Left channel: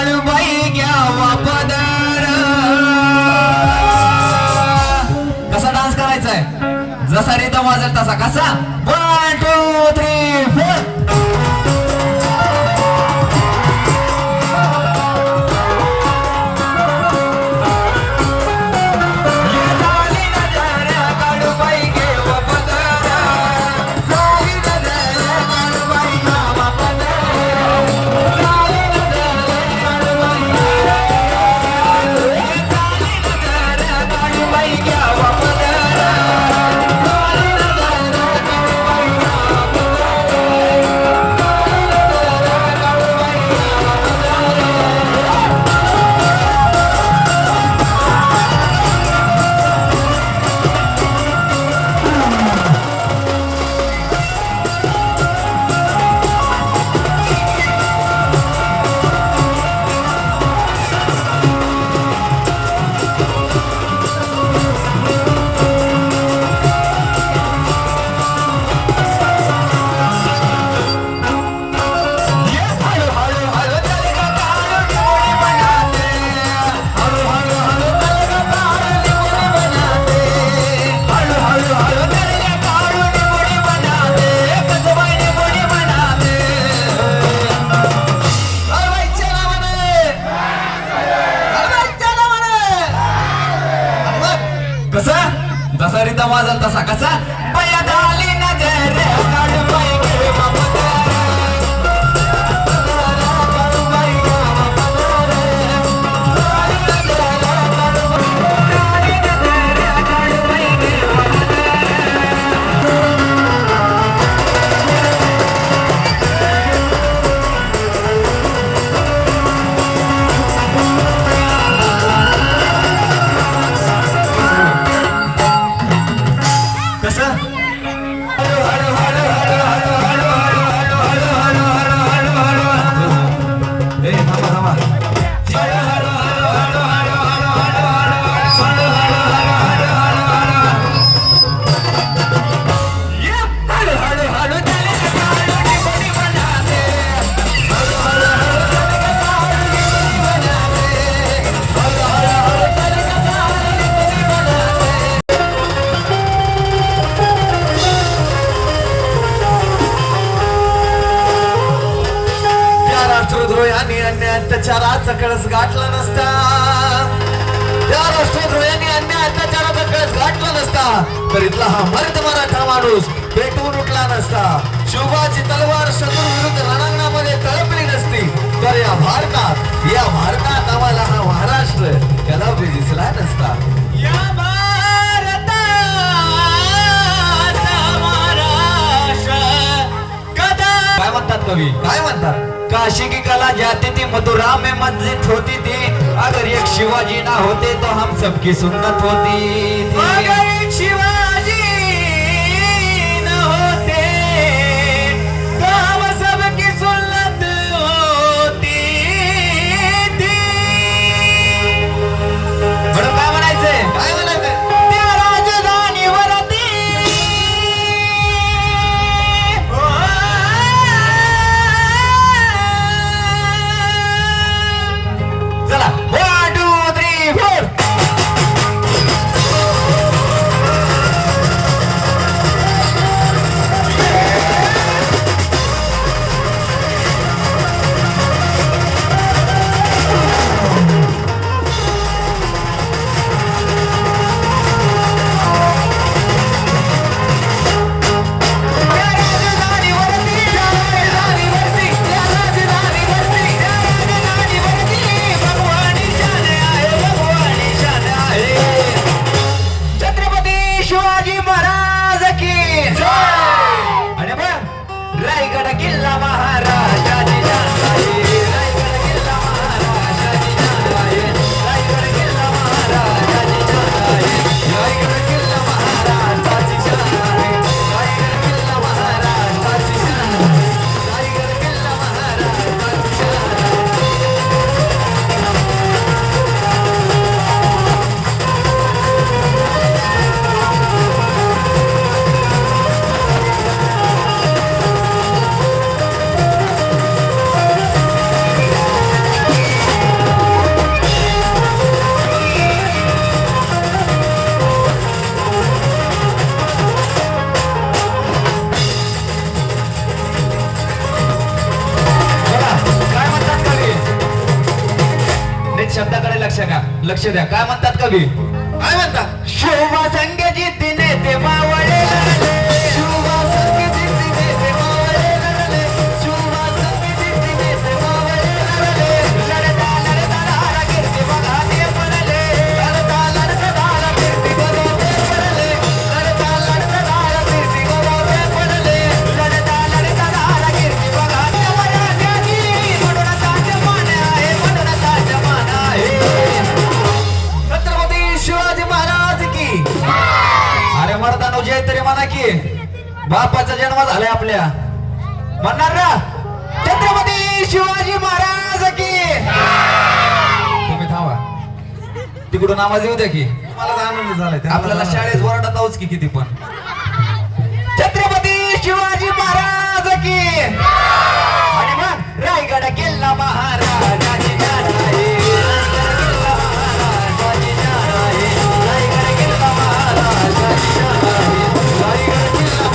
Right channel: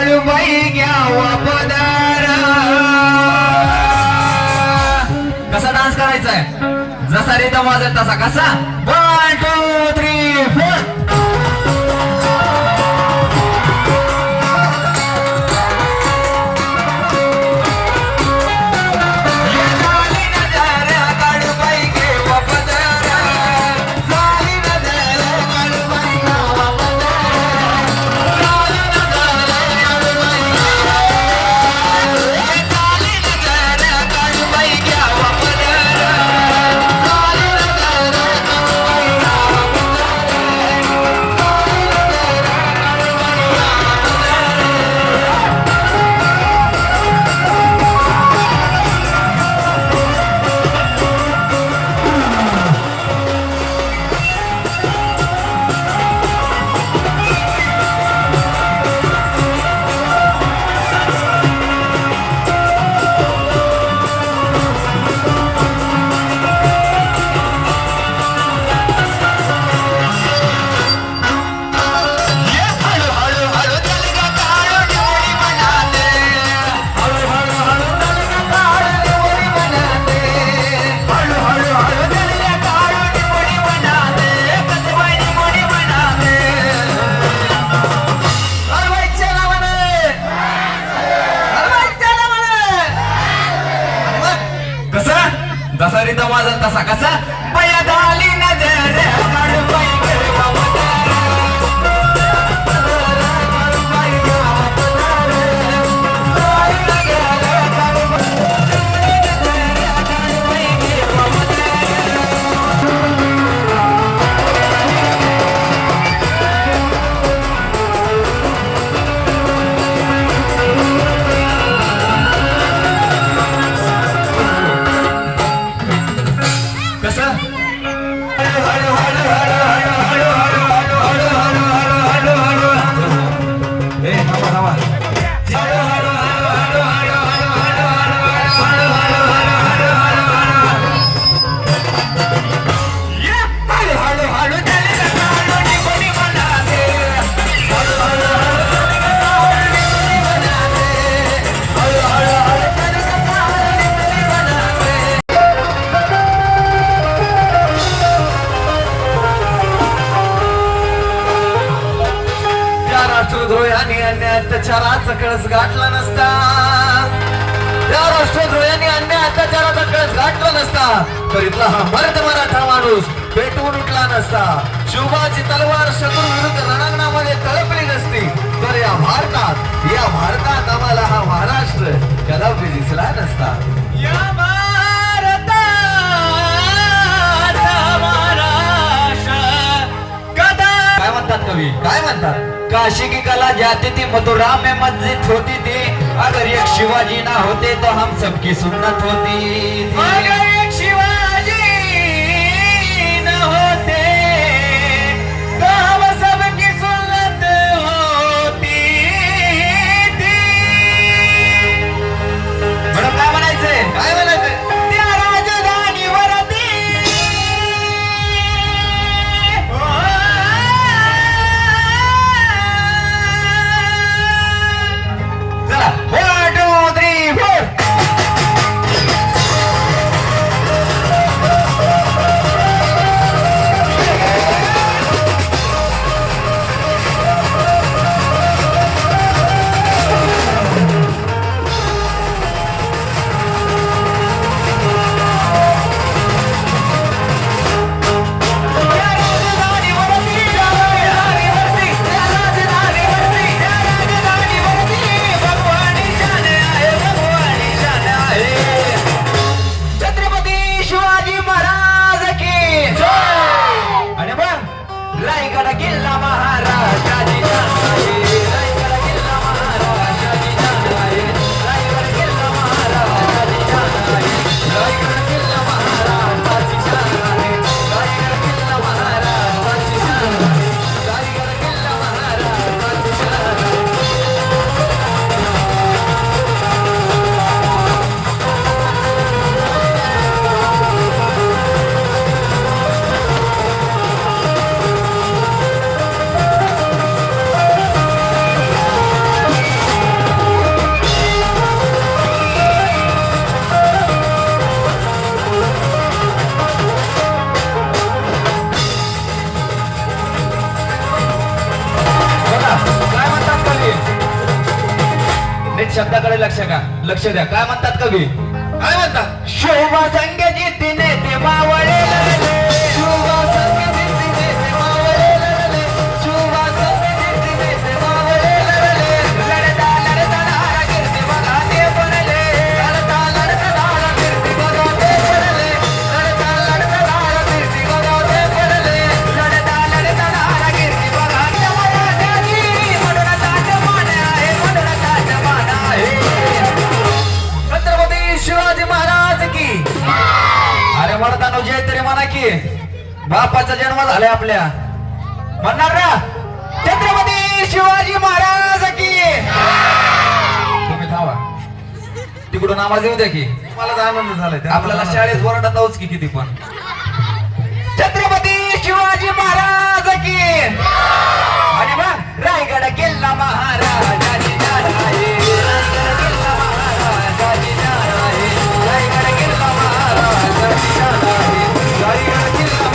काळूबाई घ्यावा पदर. कसा डान्स करायचा आहे जसा रेदम वाजत तसा. कसा? तसा रीता माझा तसा कसा? पया झाली नजर त्या राष्ट्रद्रोहाने अन्य अत्याचाराचा कळस गाठला नसता तर इथला हा मर्द मराठा माणूस पेटवून उठला नसता. शिवबाची तलवार शत्रू विरुद्ध रणांगणामध्ये तळपली नसती तर या भारतात या भारतात आम्हाला हा महाराष्ट्र कदापि दिसला नसता. या काय म्हणतात कवी? काय म्हणतात? काशी की कला जाती थी मथुरा में मस्जिद होती थी. अगर एक शिवाजी ना होते तो हम सबकी सुन्नत होती. Like a killer. शब्दाकडे लक्ष का? लक्ष द्या. काय म्हणतात कवी? काय म्हणतात? शोभा संख्याची तिने ते मावळे की बापाचा जन्म झालाय आपल्या. म्हणणार ना? छत्रपती शिवाजी महाराज की. तुम्ही थांबा. तिकडून आवाज येऊ द्या की. मला आनंद झालाय आपल्याला शाळेत ओरडताच की किती पण. छत्रपती शिवाजी महाराज की.